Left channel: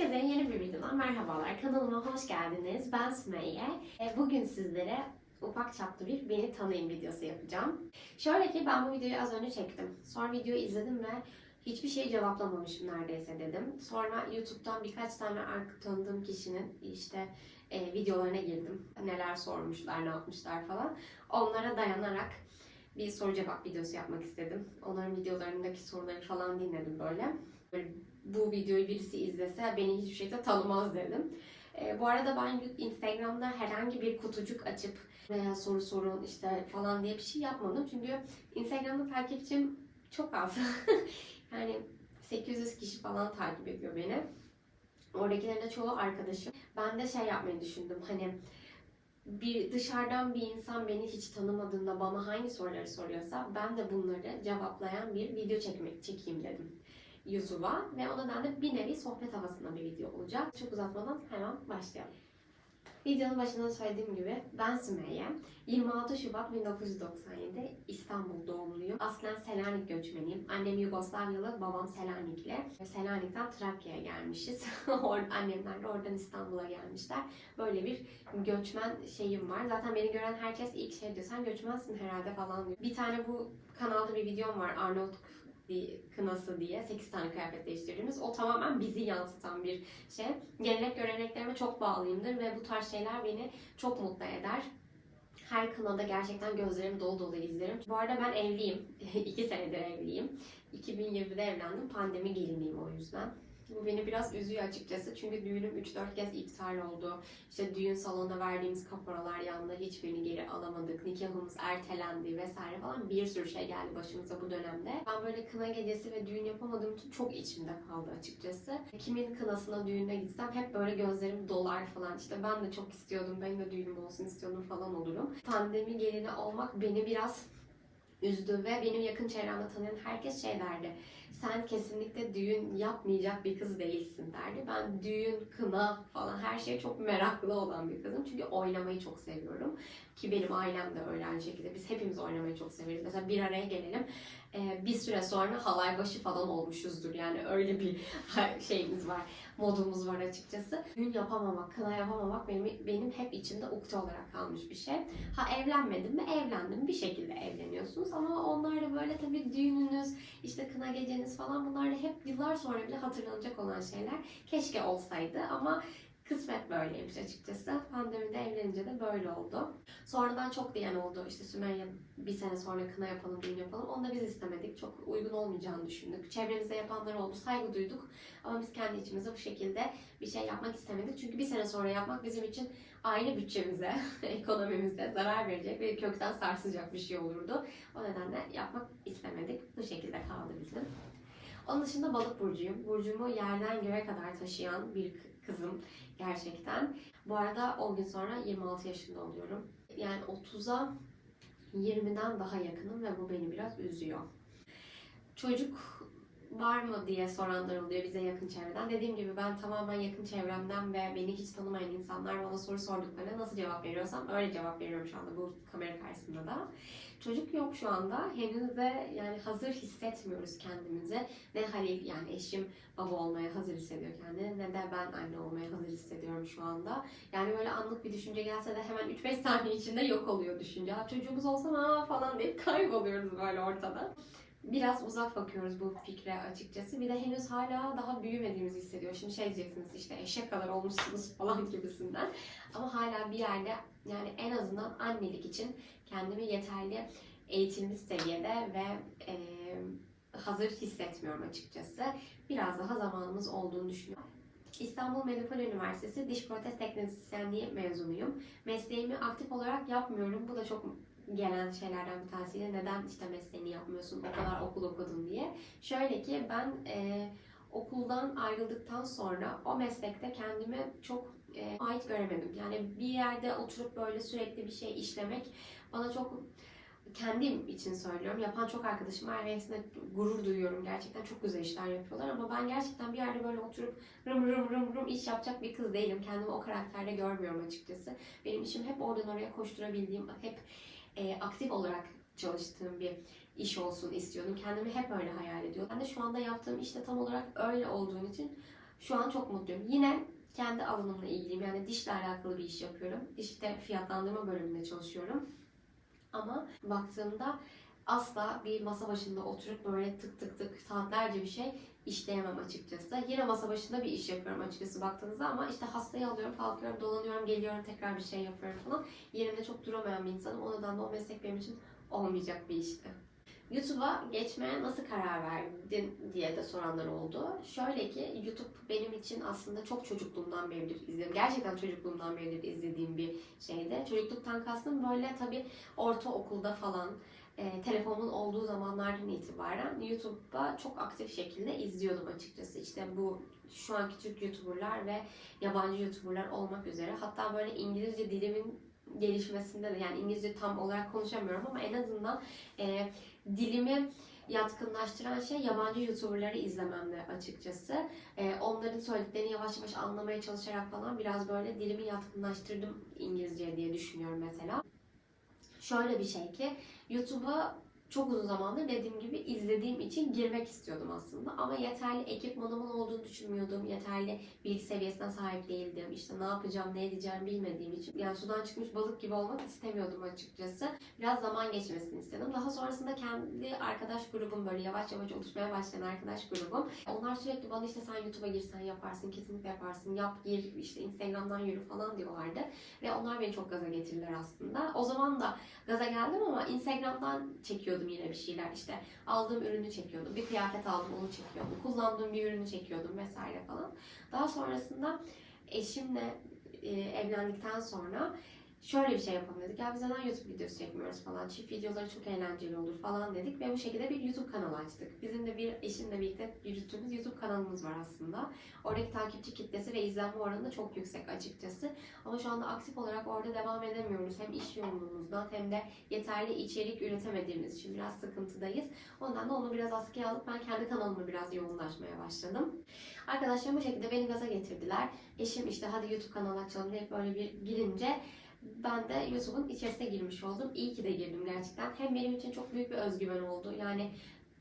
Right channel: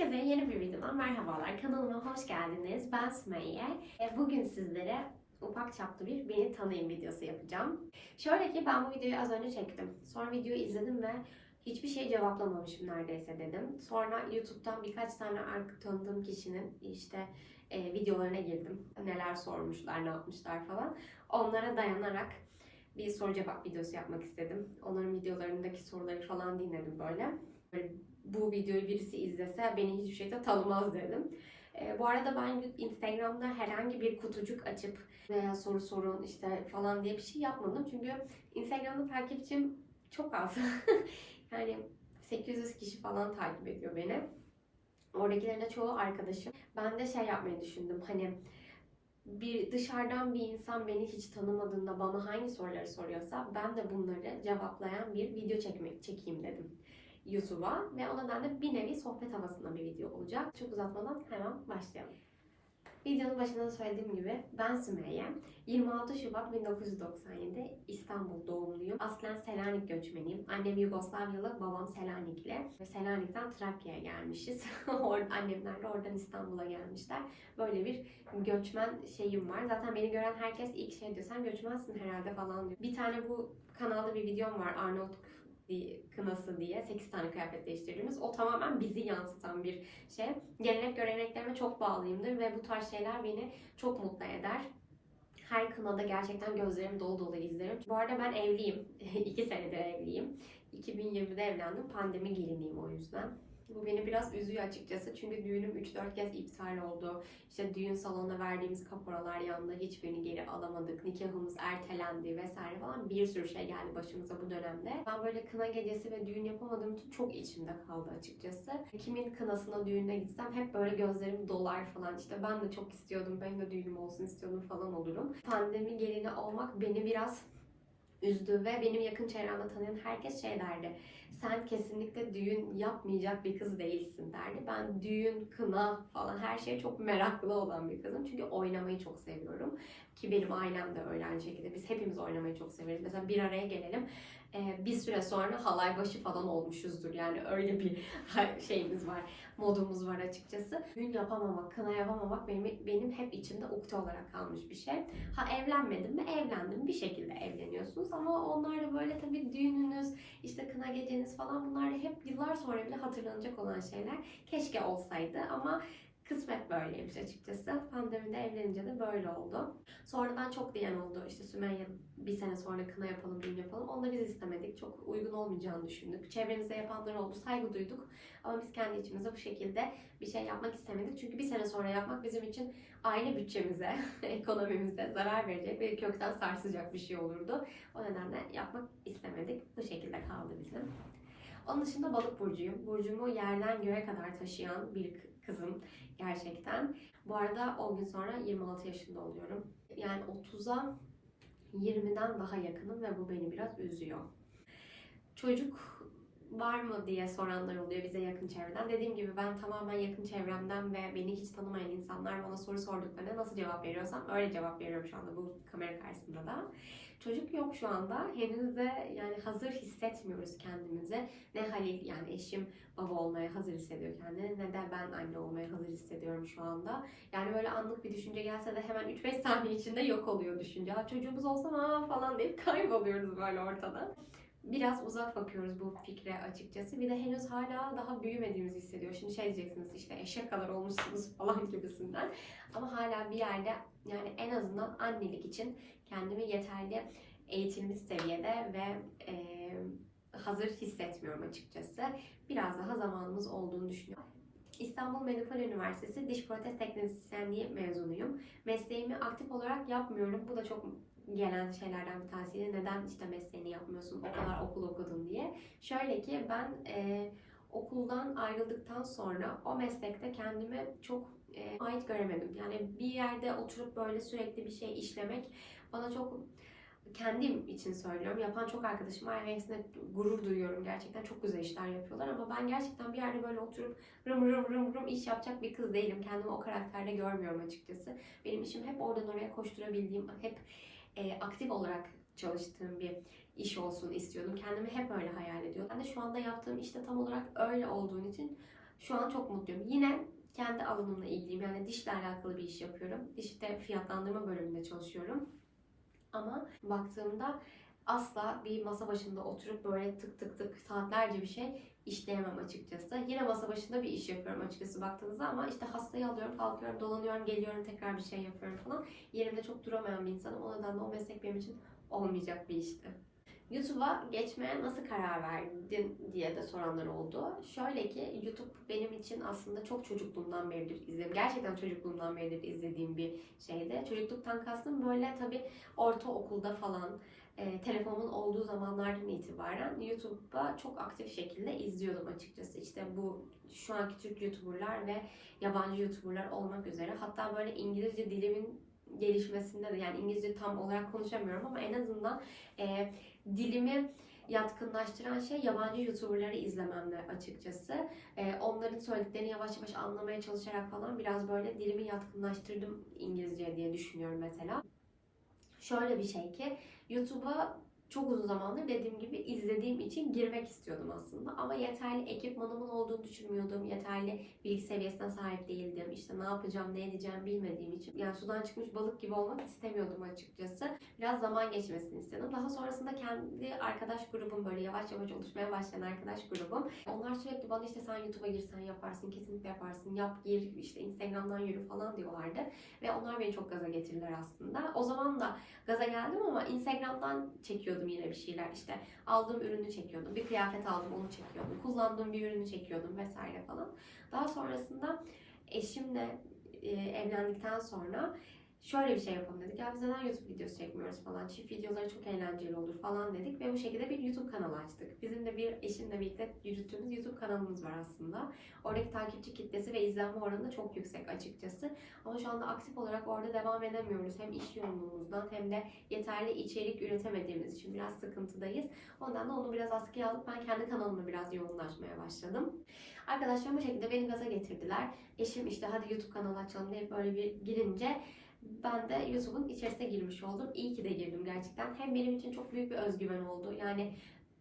Herkese yeni bir videodan merhabalar. Kanalıma hoş geldiniz. Ben Sümeyye. E, Bugün sizlere ufak çaplı bir beni tanıyın videosu yapacağım. Şöyle ki ben bu videoyu az önce çektim. Sonra videoyu izledim ve hiçbir şey cevaplamamışım neredeyse dedim. Sonra YouTube'dan birkaç tane arka tanıdığım kişinin işte e, videolarına girdim. Neler sormuşlar, ne yapmışlar falan. Onlara dayanarak bir soru cevap videosu yapmak istedim. Onların videolarındaki soruları falan dinledim böyle. Böyle bu videoyu birisi izlese beni hiçbir şekilde tanımaz dedim. E, bu arada ben Instagram'da herhangi bir kutucuk açıp veya soru sorun işte falan diye bir şey yapmadım. Çünkü Instagram'da takipçim çok az. yani 800 kişi falan takip ediyor beni. Oradakilerin de çoğu arkadaşım. Ben de şey yapmayı düşündüm. Hani bir dışarıdan bir insan beni hiç tanımadığında bana hangi soruları soruyorsa ben de bunları cevaplayan bir video çekmek çekeyim dedim. YouTube'a ve o nedenle bir nevi sohbet havasında bir video olacak. Çok uzatmadan hemen başlayalım. Videonun başında söylediğim gibi ben Sümeyye. 26 Şubat 1997 İstanbul doğumluyum. Aslen Selanik göçmeniyim. Annem Yugoslavyalı, babam Selanikli. Selanik'ten Trakya'ya gelmişiz. Annemler de oradan İstanbul'a gelmişler. Böyle bir göçmen şeyim var. Zaten beni gören herkes ilk şey diyor sen göçmensin herhalde falan diyor. Bir tane bu kanalda bir videom var Arnavutluk bir kınası diye 8 tane kıyafet değiştirdiğimiz. O tamamen bizi yansıtan bir şey. Gelenek göreneklerime çok bağlıyımdır ve bu tarz şeyler beni çok mutlu eder. Her kınada gerçekten gözlerim dolu dolu izlerim. Bu arada ben evliyim. 2 senedir evliyim. 2020'de evlendim. Pandemi geliniyim o yüzden. Bu beni biraz üzüyor açıkçası. Çünkü düğünüm 3-4 kez iptal oldu. İşte düğün salonuna verdiğimiz kaporalar yanında hiçbirini geri alamadık. Nikahımız ertelendi vesaire falan. Bir sürü şey geldi başımıza bu dönemde. Ben böyle kına gecesi ve düğün yapamadığım için çok içimde kaldı açıkçası. Kimin kınasına düğüne gitsem hep böyle gözlerim dolar falan. İşte ben de çok istiyordum. Benim de düğünüm olsun istiyordum falan olurum. Pandemi gelini olmak beni biraz üzdü ve benim yakın çevremde tanıyan herkes şey derdi. Sen kesinlikle düğün yapmayacak bir kız değilsin derdi. Ben düğün, kına falan her şeye çok meraklı olan bir kızım. Çünkü oynamayı çok seviyorum. Ki benim ailem de öyle aynı şekilde. Biz hepimiz oynamayı çok severiz. Mesela bir araya gelelim. Ee, bir süre sonra halay başı falan olmuşuzdur. Yani öyle bir şeyimiz var. Modumuz var açıkçası. Düğün yapamamak, kına yapamamak benim, benim hep içimde ukde olarak kalmış bir şey. Ha evlenmedim mi? Evlendim. Bir şekilde evleniyorsunuz. Ama onlar da böyle tabii düğününüz, işte kına geceniz falan bunlar da hep yıllar sonra bile hatırlanacak olan şeyler. Keşke olsaydı ama kısmet böyleymiş açıkçası. Pandemide evlenince de böyle oldu. Sonradan çok diyen oldu. İşte Sümeyye bir sene sonra kına yapalım, düğün yapalım. Onu da biz istemedik. Çok uygun olmayacağını düşündük. Çevremizde yapanlar oldu. Saygı duyduk. Ama biz kendi içimizde bu şekilde bir şey yapmak istemedik. Çünkü bir sene sonra yapmak bizim için aile bütçemize, ekonomimize zarar verecek ve kökten sarsacak bir şey olurdu. O nedenle yapmak istemedik. Bu şekilde kaldı bizim. Onun dışında balık burcuyum. Burcumu yerden göğe kadar taşıyan bir kızım gerçekten. Bu arada 10 gün sonra 26 yaşında oluyorum. Yani 30'a 20'den daha yakınım ve bu beni biraz üzüyor. Çocuk var mı diye soranlar oluyor bize yakın çevreden. Dediğim gibi ben tamamen yakın çevremden ve beni hiç tanımayan insanlar bana soru sorduklarına nasıl cevap veriyorsam öyle cevap veriyorum şu anda bu kamera karşısında da. Çocuk yok şu anda. Henüz de yani hazır hissetmiyoruz kendimizi. Ne Halil yani eşim baba olmaya hazır hissediyor kendini ne de ben anne olmaya hazır hissediyorum şu anda. Yani böyle anlık bir düşünce gelse de hemen 3-5 saniye içinde yok oluyor düşünce. Çocuğumuz olsa falan deyip kayboluyoruz böyle ortada. Biraz uzak bakıyoruz bu fikre açıkçası. Bir de henüz hala daha büyümediğimizi hissediyor. Şimdi şey diyeceksiniz işte eşek kadar olmuşsunuz falan gibisinden. Ama hala bir yerde yani en azından annelik için kendimi yeterli eğitilmiş seviyede ve e, hazır hissetmiyorum açıkçası. Biraz daha zamanımız olduğunu düşünüyorum. İstanbul Medipol Üniversitesi Diş Protez Teknisyenliği mezunuyum. Mesleğimi aktif olarak yapmıyorum. Bu da çok gelen şeylerden bir tanesi. Neden işte mesleğini yapmıyorsun, o kadar okul okudun diye. Şöyle ki ben e, okuldan ayrıldıktan sonra o meslekte kendimi çok e, ait göremedim. Yani bir yerde oturup böyle sürekli bir şey işlemek bana çok kendim için söylüyorum. Yapan çok arkadaşım var ve hepsine gurur duyuyorum. Gerçekten çok güzel işler yapıyorlar ama ben gerçekten bir yerde böyle oturup rım rım rım rım iş yapacak bir kız değilim. Kendimi o karakterde görmüyorum açıkçası. Benim işim hep oradan oraya koşturabildiğim, hep e, aktif olarak çalıştığım bir iş olsun istiyordum. Kendimi hep öyle hayal ediyordum. Ben de şu anda yaptığım işte tam olarak öyle olduğun için şu an çok mutluyum. Yine kendi alanımla ilgiliyim. Yani dişle alakalı bir iş yapıyorum. Dişte fiyatlandırma bölümünde çalışıyorum. Ama baktığımda asla bir masa başında oturup böyle tık tık tık saatlerce bir şey işleyemem açıkçası. Yine masa başında bir iş yapıyorum açıkçası baktığınızda ama işte hastayı alıyorum, kalkıyorum, dolanıyorum, geliyorum, tekrar bir şey yapıyorum falan. Yerimde çok duramayan bir insanım. O nedenle o meslek benim için olmayacak bir işti. YouTube'a geçmeye nasıl karar verdin diye de soranlar oldu. Şöyle ki YouTube benim için aslında çok çocukluğumdan beridir izlediğim, gerçekten çocukluğumdan beridir izlediğim bir şeydi. Çocukluktan kastım böyle tabii ortaokulda falan e, telefonumun olduğu zamanlardan itibaren YouTube'a çok aktif şekilde izliyordum açıkçası. İşte bu şu anki Türk YouTuber'lar ve yabancı YouTuber'lar olmak üzere. Hatta böyle İngilizce dilimin gelişmesinde de yani İngilizce tam olarak konuşamıyorum ama en azından e, dilimi yatkınlaştıran şey yabancı YouTuber'ları izlememdi açıkçası. E, onların söylediklerini yavaş yavaş anlamaya çalışarak falan biraz böyle dilimi yatkınlaştırdım İngilizce diye düşünüyorum mesela. Şöyle bir şey ki YouTube'a çok uzun zamandır dediğim gibi izlediğim için girmek istiyordum aslında. Ama yeterli ekipmanımın olduğunu düşünmüyordum. Yeterli bilgi seviyesine sahip değildim. İşte ne yapacağım, ne edeceğim bilmediğim için. Yani sudan çıkmış balık gibi olmak istemiyordum açıkçası. Biraz zaman geçmesini istedim. Daha sonrasında kendi arkadaş grubum böyle yavaş yavaş oluşmaya başlayan arkadaş grubum. Onlar sürekli bana işte sen YouTube'a girsen yaparsın, kesinlikle yaparsın, yap gir, işte Instagram'dan yürü falan diyorlardı. Ve onlar beni çok gaza getirdiler aslında. O zaman da gaza geldim ama Instagram'dan çekiyordum yine bir şeyler. İşte aldığım ürünü çekiyordum. Bir kıyafet aldım onu çekiyordum. Kullandığım bir ürünü çekiyordum vesaire falan. Daha sonrasında eşimle e, evlendikten sonra şöyle bir şey yapalım dedik. Ya biz neden YouTube videosu çekmiyoruz falan. Çift videoları çok eğlenceli olur falan dedik. Ve bu şekilde bir YouTube kanalı açtık. Bizim de bir eşimle birlikte yürüttüğümüz YouTube kanalımız var aslında. Oradaki takipçi kitlesi ve izlenme oranı da çok yüksek açıkçası. Ama şu anda aktif olarak orada devam edemiyoruz. Hem iş yoğunluğumuzdan hem de yeterli içerik üretemediğimiz için biraz sıkıntıdayız. Ondan da onu biraz askıya alıp ben kendi kanalımı biraz yoğunlaşmaya başladım. Arkadaşlarım bu şekilde beni gaza getirdiler. Eşim işte hadi YouTube kanalı açalım diye böyle bir girince ben de YouTube'un içerisine girmiş oldum. İyi ki de girdim gerçekten. Hem benim için çok büyük bir özgüven oldu. Yani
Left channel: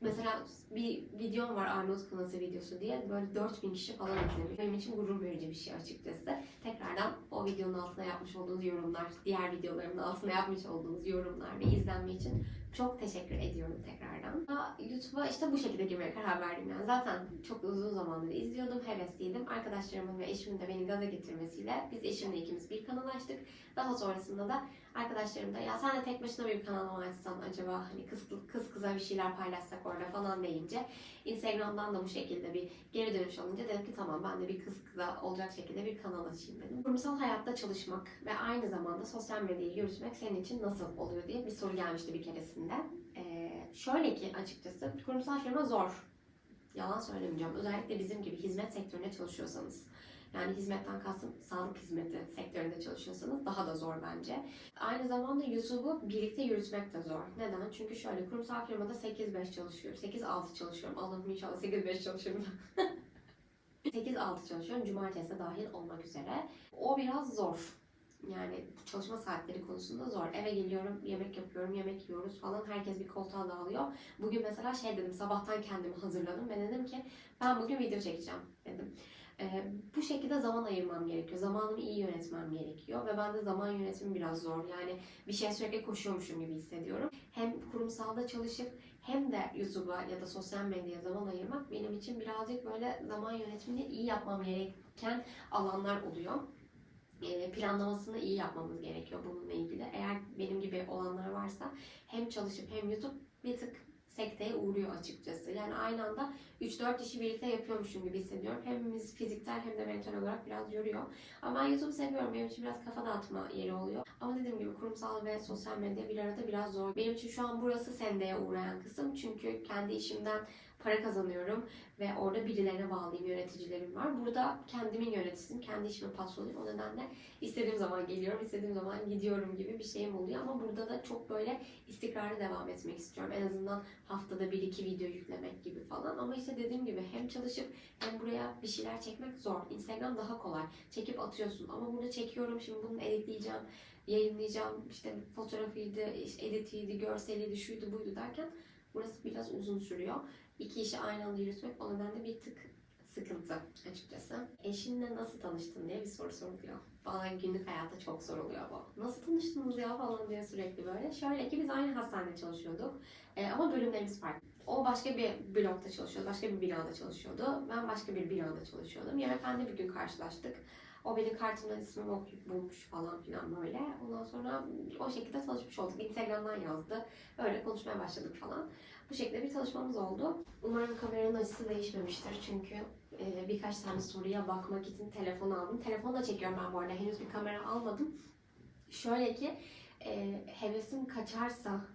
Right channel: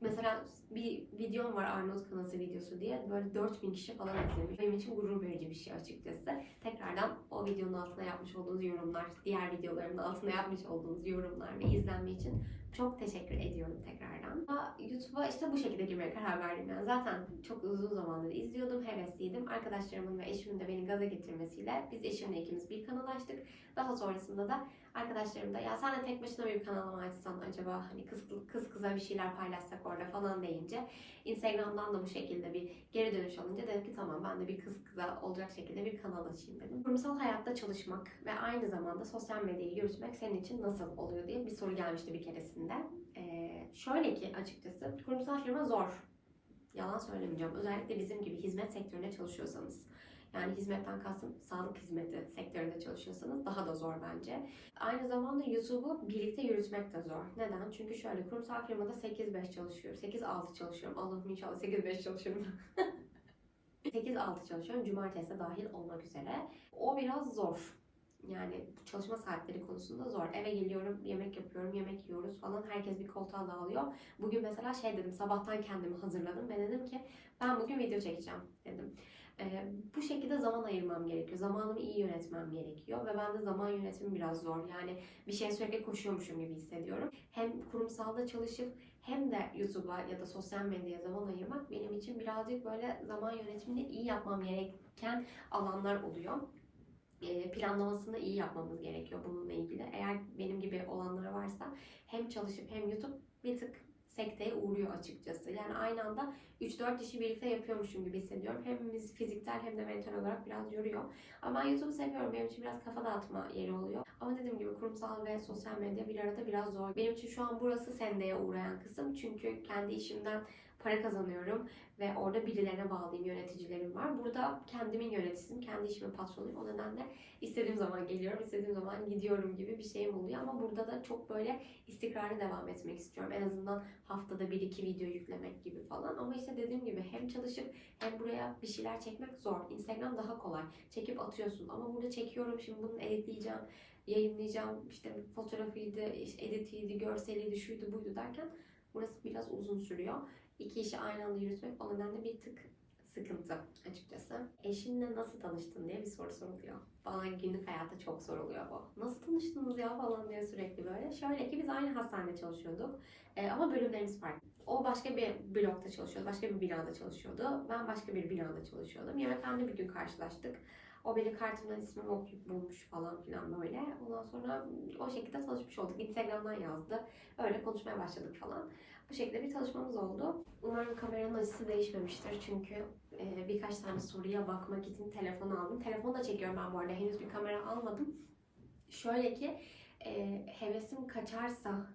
mesela bir videom var Arnavut Kınası videosu diye. Böyle 4000 kişi falan izlemiş. Benim için gurur verici bir şey açıkçası. Tekrardan o videonun altına yapmış olduğunuz yorumlar, diğer videolarımın altına yapmış olduğunuz yorumlar ve izlenme için çok teşekkür ediyorum tekrardan. YouTube'a işte bu şekilde girmeye karar verdim yani. Zaten çok uzun zamandır izliyordum, hevesliydim. Arkadaşlarımın ve eşimin de beni gaza getirmesiyle biz eşimle ikimiz bir kanal açtık. Daha sonrasında da arkadaşlarım da ya sen de tek başına bir kanal açsan acaba hani kız, kız kıza bir şeyler paylaşsak orada falan deyince Instagram'dan da bu şekilde bir geri dönüş alınca dedim ki tamam ben de bir kız kıza olacak şekilde bir kanal açayım dedim. Kurumsal hayatta çalışmak ve aynı zamanda sosyal medyayı yürütmek senin için nasıl oluyor diye bir soru gelmişti bir keresinde. Ee, şöyle ki açıkçası kurumsal firma zor. Yalan söylemeyeceğim. Özellikle bizim gibi hizmet sektöründe çalışıyorsanız. Yani hizmetten kastım sağlık hizmeti sektöründe çalışıyorsanız daha da zor bence. Aynı zamanda YouTube'u birlikte yürütmek de zor. Neden? Çünkü şöyle kurumsal firmada 8-5 çalışıyorum. 8-6 çalışıyorum. Allah'ım inşallah 8-5 çalışıyorum. 8-6 çalışıyorum. Cumartesi dahil olmak üzere. O biraz zor. Yani çalışma saatleri konusunda zor. Eve geliyorum, yemek yapıyorum, yemek yiyoruz falan. Herkes bir koltuğa dağılıyor. Bugün mesela şey dedim, sabahtan kendimi hazırladım. Ben dedim ki ben bugün video çekeceğim dedim. Bu şekilde zaman ayırmam gerekiyor. Zamanımı iyi yönetmem gerekiyor. Ve ben de zaman yönetimi biraz zor. Yani bir şey sürekli koşuyormuşum gibi hissediyorum. Hem kurumsalda çalışıp hem de YouTube'a ya da sosyal medyaya zaman ayırmak benim için birazcık böyle zaman yönetimini iyi yapmam gereken alanlar oluyor planlamasını iyi yapmamız gerekiyor bununla ilgili. Eğer benim gibi olanlar varsa hem çalışıp hem YouTube bir tık sekteye uğruyor açıkçası. Yani aynı anda 3-4 işi birlikte yapıyormuşum gibi hissediyorum. Hemimiz fiziksel hem de mental olarak biraz yoruyor. Ama ben YouTube'u seviyorum. Benim için biraz kafa dağıtma yeri oluyor. Ama dediğim gibi kurumsal ve sosyal medya bir arada biraz zor. Benim için şu an burası sendeye uğrayan kısım. Çünkü kendi işimden para kazanıyorum ve orada birilerine bağlıyım, yöneticilerim var. Burada kendimin yöneticisiyim, kendi işimin patronuyum. O nedenle istediğim zaman geliyorum, istediğim zaman gidiyorum gibi bir şeyim oluyor. Ama burada da çok böyle istikrarlı devam etmek istiyorum. En azından haftada bir iki video yüklemek gibi falan. Ama işte dediğim gibi hem çalışıp hem buraya bir şeyler çekmek zor. Instagram daha kolay. Çekip atıyorsun ama burada çekiyorum şimdi bunu editleyeceğim yayınlayacağım işte fotoğrafıydı, editiydi, görseliydi, şuydu buydu derken burası biraz uzun sürüyor. İki işi aynı anda yürütmek o nedenle bir tık sıkıntı açıkçası. eşinle nasıl tanıştın diye bir soru soruluyor. Bana günlük hayatta çok soruluyor bu. Nasıl tanıştınız ya falan diye sürekli böyle. Şöyle ki biz aynı hastanede çalışıyorduk. Ee, ama bölümlerimiz farklı. O başka bir blokta çalışıyordu, başka bir binada çalışıyordu. Ben başka bir binada çalışıyordum. Yemekhanede bir gün karşılaştık. O benim kartımdan ismimi okuyup bulmuş falan filan böyle. Ondan sonra o şekilde tanışmış olduk. Instagram'dan yazdı. Öyle konuşmaya başladık falan. Bu şekilde bir tanışmamız oldu. Umarım kameranın açısı değişmemiştir çünkü e, birkaç tane soruya bakmak için telefon aldım. Telefonla çekiyorum ben bu arada. Henüz bir kamera almadım. Şöyle ki e, hevesim kaçarsa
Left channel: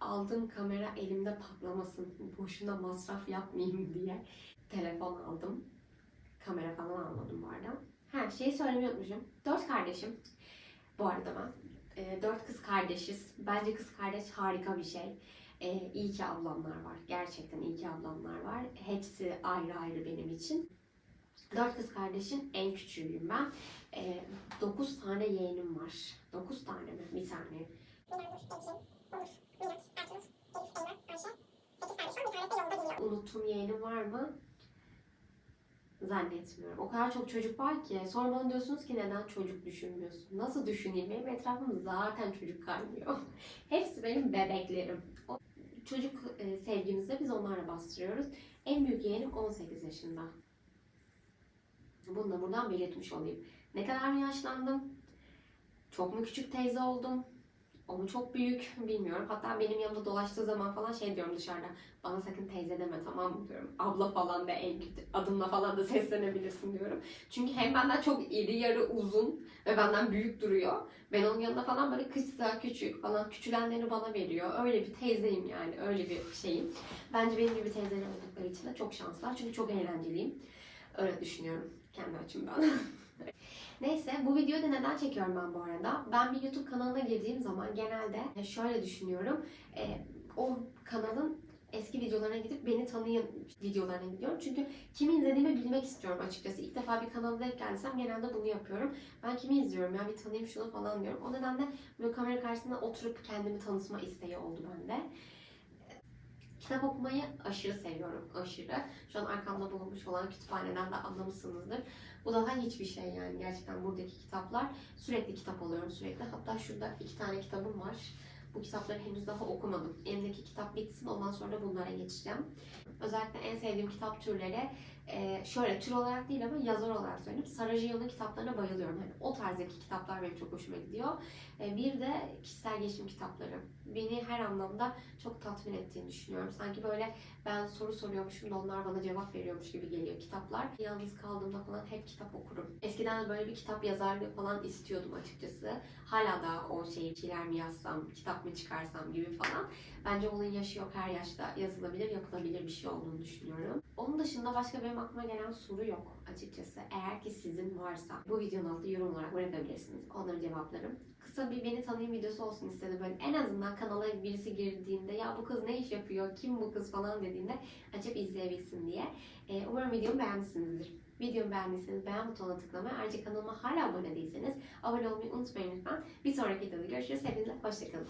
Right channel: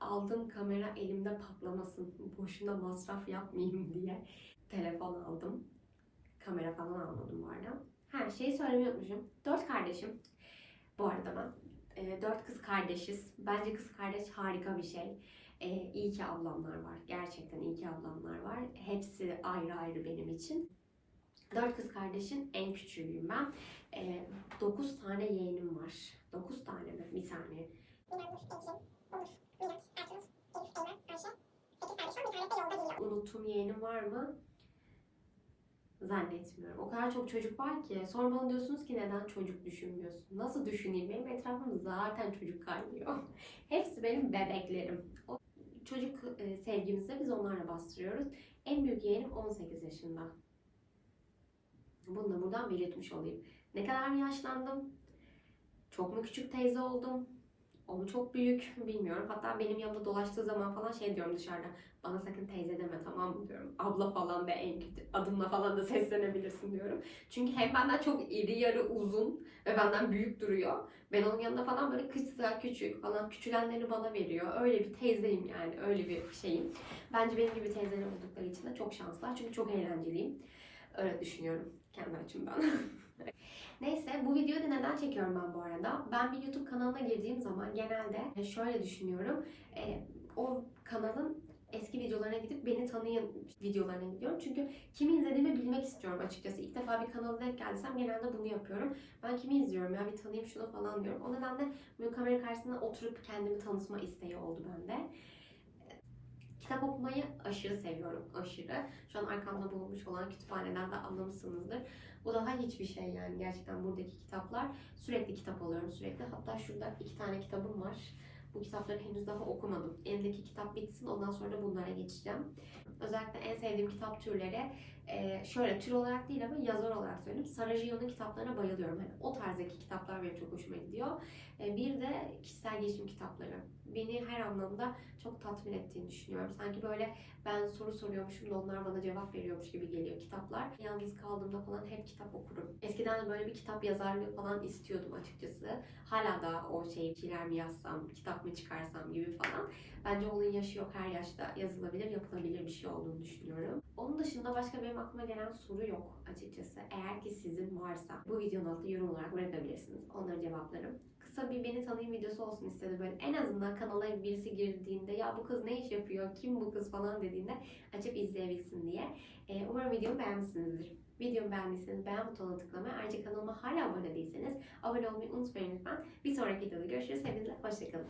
aldığım kamera elimde patlamasın. Boşuna masraf yapmayayım diye telefon aldım. Kamera falan almadım bu arada. Ha şeyi söylemeyi unutmuşum. Dört kardeşim. Bu arada ben. E, dört kız kardeşiz. Bence kız kardeş harika bir şey. E, iyi ki ablamlar var. Gerçekten iyi ki ablamlar var. Hepsi ayrı ayrı benim için. Dört kız kardeşin en küçüğüyüm ben. E, dokuz tane yeğenim var. Dokuz tane mi? Bir saniye. Unuttuğum yeğenim var mı? Zannetmiyorum. O kadar çok çocuk var ki. Sonra bana diyorsunuz ki neden çocuk düşünmüyorsun? Nasıl düşüneyim? Benim etrafımda zaten çocuk kaynıyor. Hepsi benim bebeklerim. O çocuk e, sevgimizi biz onlarla bastırıyoruz. En büyük yeğenim 18 yaşında. Bunu da buradan belirtmiş olayım. Ne kadar mı yaşlandım? Çok mu küçük teyze oldum? Mu çok büyük bilmiyorum. Hatta benim yanımda dolaştığı zaman falan şey diyorum dışarıda. Bana sakın teyze deme tamam mı diyorum. Abla falan da en kötü. Adımla falan da seslenebilirsin diyorum. Çünkü hem benden çok iri yarı uzun ve benden büyük duruyor. Ben onun yanında falan böyle kısa küçük falan küçülenlerini bana veriyor. Öyle bir teyzeyim yani öyle bir şeyim. Bence benim gibi teyzeler oldukları için de çok şanslar. Çünkü çok eğlenceliyim. Öyle düşünüyorum kendi açımdan. Neyse bu videoyu da neden çekiyorum ben bu arada? Ben bir YouTube kanalına girdiğim zaman genelde şöyle düşünüyorum. E, o kanalın eski videolarına gidip beni tanıyın videolarına gidiyorum. Çünkü kimi izlediğimi bilmek istiyorum açıkçası. İlk defa bir kanala denk geldiysem genelde bunu yapıyorum. Ben kimi izliyorum ya bir tanıyayım şunu falan diyorum. O nedenle böyle kamera karşısında oturup kendimi tanıtma isteği oldu bende. Kitap okumayı aşırı seviyorum, aşırı. Şu an arkamda bulunmuş olan kütüphaneden de anlamışsınızdır. Bu daha hiçbir şey yani gerçekten buradaki kitaplar. Sürekli kitap alıyorum sürekli. Hatta şurada iki tane kitabım var. Bu kitapları henüz daha okumadım. Elimdeki kitap bitsin ondan sonra bunlara geçeceğim. Özellikle en sevdiğim kitap türleri e, şöyle tür olarak değil ama yazar olarak söyleyeyim. Sarajevo'nun kitaplarına bayılıyorum. Hani o tarzdaki kitaplar benim çok hoşuma gidiyor. E, bir de kişisel gelişim kitapları. Beni her anlamda çok tatmin ettiğini düşünüyorum. Sanki böyle ben soru soruyormuşum da onlar bana cevap veriyormuş gibi geliyor kitaplar. Yalnız kaldığımda falan hep kitap okurum. Eskiden de böyle bir kitap yazarlığı falan istiyordum açıkçası. Hala da o şeyi şeyler mi yazsam, kitap mı çıkarsam gibi falan. Bence onun yaşı yok. Her yaşta yazılabilir, yapılabilir bir şey olduğunu düşünüyorum. Onun dışında başka benim aklıma gelen soru yok açıkçası. Eğer ki sizin varsa bu videonun altında yorum olarak bırakabilirsiniz. Onları cevaplarım. Kısa bir beni tanıyın videosu olsun istedim. Böyle en azından kanala birisi girdiğinde ya bu kız ne iş yapıyor, kim bu kız falan dediğinde açıp izleyebilsin diye. Ee, umarım videomu beğenmişsinizdir. Videomu beğendiyseniz beğen butonuna tıklamayı, ayrıca kanalıma hala abone değilseniz abone olmayı unutmayın lütfen. Bir sonraki videoda görüşürüz. Hepinize hoşçakalın.